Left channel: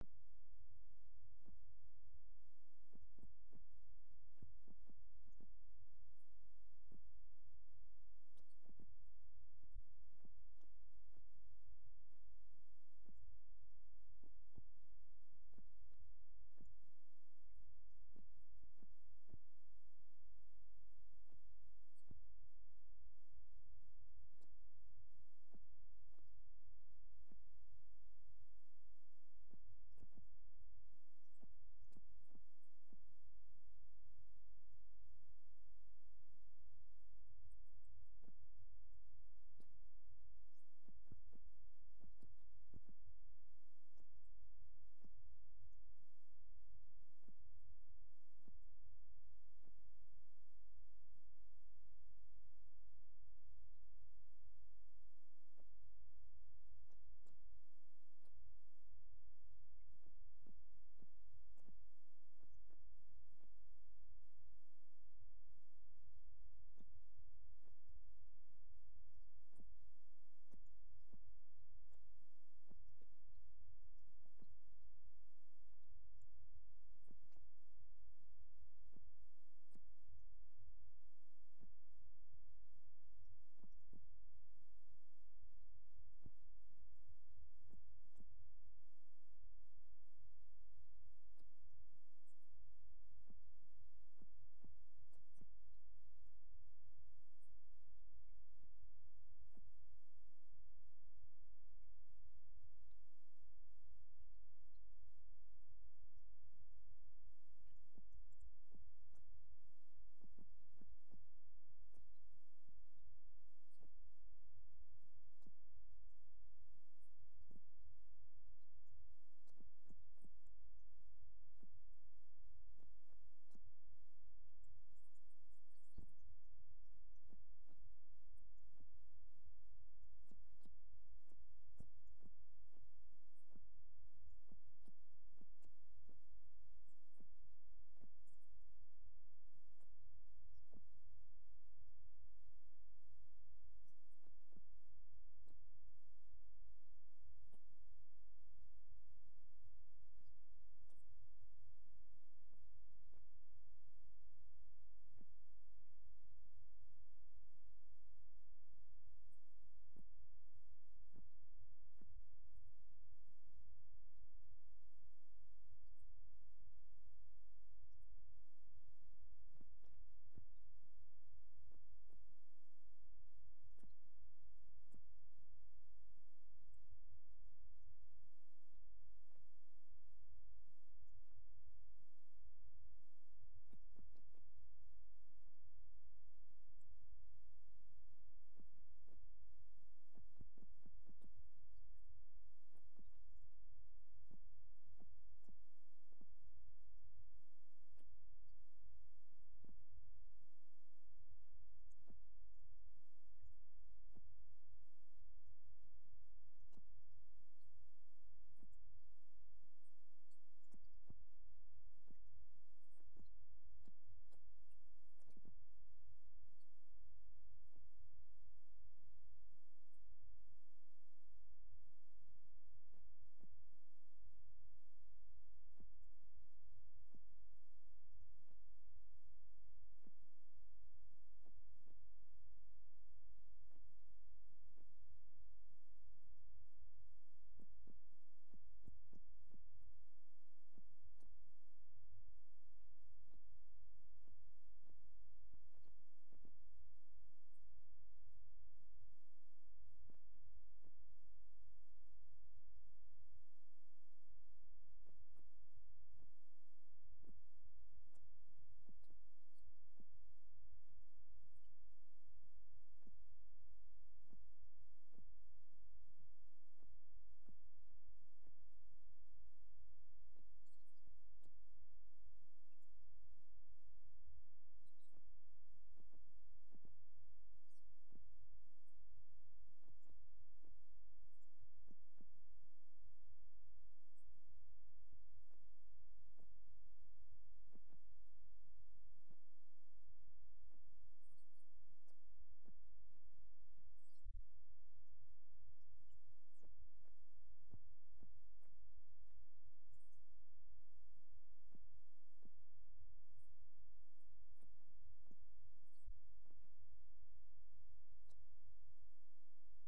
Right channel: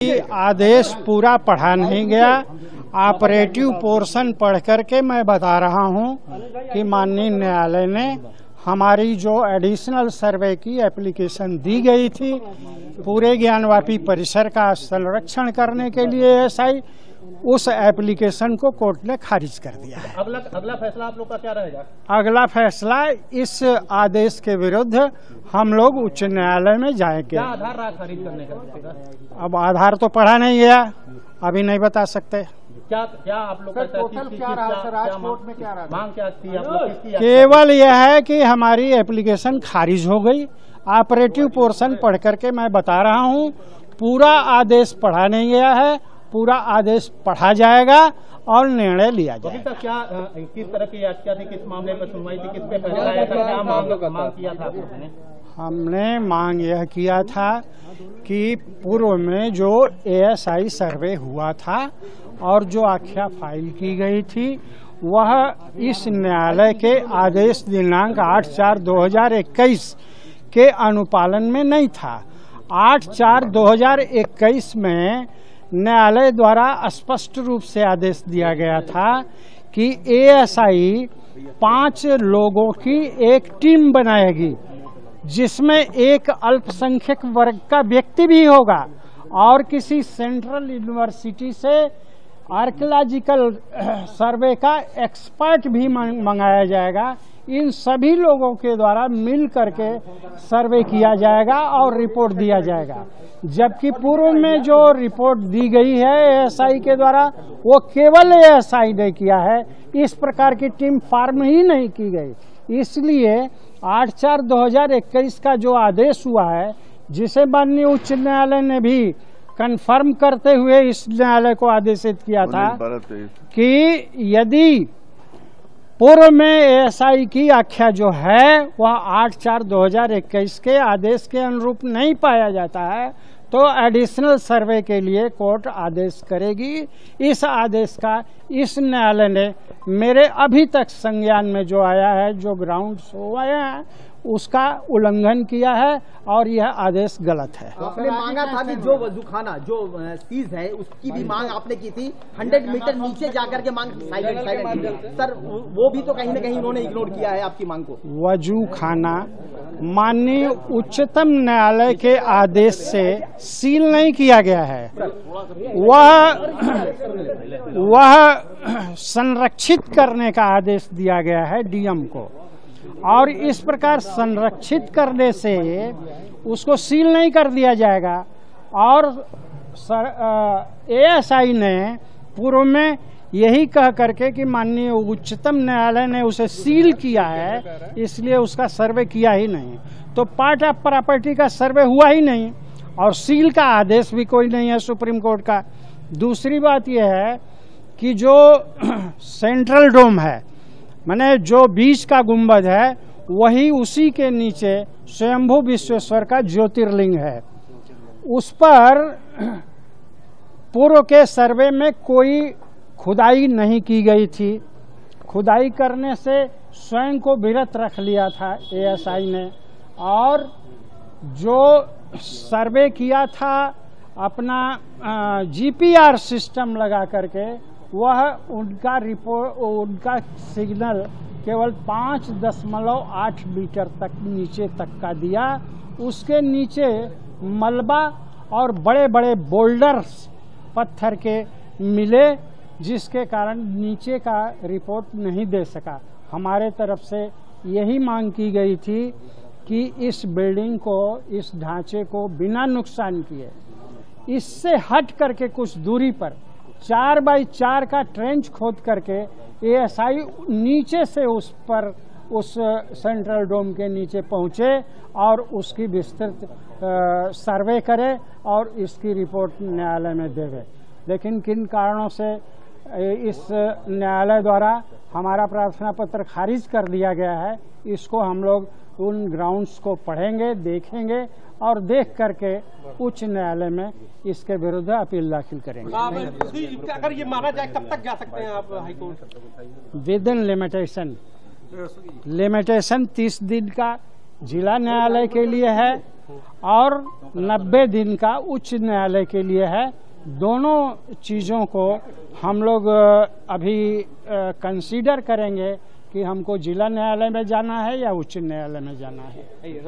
आदेश पूरा पढ़ा नहीं गया। ऑपरेटिव पोर्शन पढ़ करके मैं बता रहा हूं कि माननीय न्यायालय ने हमारी जो एडिशनल सर्वे की एप्लीकेशन दी गई थी पूरे ज्ञानवापी परिसर का संरक्षण करने के लिए एएसआई, उस एप्लीकेशन को कोर्ट ने खारिज कर दिया है। अगला फैसला आप लोग का क्या रहेगा? अगला फैसला इस आदेश के विरुद्ध हम लोग उच्च न्यायालय में जाएंगे। क्या आधार रहा खारिज करने का? अब आधार तो पढ़ा नहीं गया, अभी नहीं बता सकते। क्या आप लोग मांग क्या थी आप लोग? केवल यह है कि हमारी एप्लीकेशन खारिज हो गई। ऑपरेटिव पोर्शन पढ़ करके मैं बता रहा हूं, पूरा आदेश पढ़ा नहीं गया है, पूरा आदेश पढ़ा जाएगा और निर्णय लिया जाएगा। क्या किस तरह की याचिका थी, किस मामले पर सुनवाई थी, किस पे फैसला आया था, क्या मांग किया था आपने? हमने मांग यह किया था कि पूर्व में जो एएसआई सर्वे हुआ था और जो आख्या फाइल की गई थी वह इस न्यायालय के आदेश दिनांक 8/4/2021 के अनुपालन में नहीं था। 8/4/2021 में न्यायालय द्वारा स्पष्ट रूप से आदेश दिया गया था कि एएसआई 5 लोगों की एक टीम बनाएगी जिसमें एक अल्पसंख्यक वर्ग का व्यक्ति भी होगा और किसी सेंट्रल यूनिवर्सिटी से आर्कियोलॉजिकल सर्वे का एक्सपर्ट भी मंगाया जाएगा। इन सभी लोगों के द्वारा मिल करके सर्वे किया जाएगा और रिपोर्ट दिया जाएगा। जबकि पूर्व में जो रिपोर्ट दी गई है एएसआई के द्वारा वो केवल एएसआई ने किया है, इस प्रकार की टीम फॉर्म ही नहीं की गई। इसलिए 8/4/2021 का जो आदेश हुआ है, जिसे माननीय उच्च न्यायालय ने भी कंफर्म करते हुए इस न्यायालय को आदेशित किया था कि यदि पूर्व में एएसआई की आख्या जो है वह 8/4/2021 के आदेश के अनुरूप नहीं पाया जाता है तो एडिशनल सर्वे के लिए कोर्ट आदेश करेगी। इस आदेश का इस न्यायालय ने मेरे अभी तक संज्ञान में जो आया है, जो ग्राउंड्स हुआ है, उसका उल्लंघन किया है और यह आदेश गलत है। आपने मांगा था कि जो वजूखाना जो सीज है उसकी भी मांग आपने की थी, 100 मीटर नीचे जाकर के मांग साइलेंट सर, वो भी तो कहीं न कहीं उन्होंने इग्नोर किया है आपकी मांग को। वजूखाना माननीय उच्चतम न्यायालय के आदेश से सील नहीं किया गया है, वह संरक्षित करने का आदेश दिया गया है डीएम को, और इस प्रकार संरक्षित करने से उसको सील नहीं कर दिया जाएगा। और एएसआई ने पूर्व में यही कह करके कि माननीय उच्चतम न्यायालय ने उसे सील किया है, इसलिए उसका सर्वे किया ही नहीं, तो पार्ट ऑफ प्रॉपर्टी का सर्वे हुआ ही नहीं और सील का आदेश भी कोई नहीं है सुप्रीम कोर्ट का। दूसरी बात यह है कि जो सेंट्रल डोम है, माने जो बीच का गुंबद है, वही उसी के नीचे स्वयंभू विश्वेश्वर का ज्योतिर्लिंग है। उस पर पूर्व के सर्वे में कोई खुदाई नहीं की गई थी। खुदाई करने से स्वयं को विरत रख लिया था एएसआई ने, और जो सर्वे किया था अपना जीपीआर सिस्टम लगा करके, वह उनका रिपोर्ट, उनका सिग्नल केवल 5.8 मीटर तक नीचे तक का दिया। उसके नीचे मलबा और बड़े बड़े बोल्डर्स पत्थर के मिले, जिसके कारण नीचे का रिपोर्ट नहीं दे सका। हमारे तरफ से यही मांग की गई थी कि इस बिल्डिंग को, इस ढांचे को बिना नुकसान किए इससे हट करके कुछ दूरी पर 4x4 का ट्रेंच खोद करके एएसआई नीचे से उस पर, उस सेंट्रल डोम के नीचे पहुंचे और उसकी विस्तृत सर्वे करे और इसकी रिपोर्ट न्यायालय में देवे। लेकिन किन कारणों से इस न्यायालय द्वारा हमारा प्रार्थना पत्र खारिज कर दिया गया है, इसको हम लोग उन ग्राउंड्स को पढ़ेंगे, देखेंगे और देख करके उच्च न्यायालय में इसके विरुद्ध अपील दाखिल करेंगे। अगर ये माना जाए कब तक जा सकते हैं आप high court? With in limitation 30 दिन का जिला न्यायालय के लिए है और 90 दिन का उच्च न्यायालय के लिए है। दोनों चीज़ों को हम लोग अभी कंसीडर करेंगे कि हमको जिला न्यायालय में जाना है या उच्च न्यायालय में जाना है।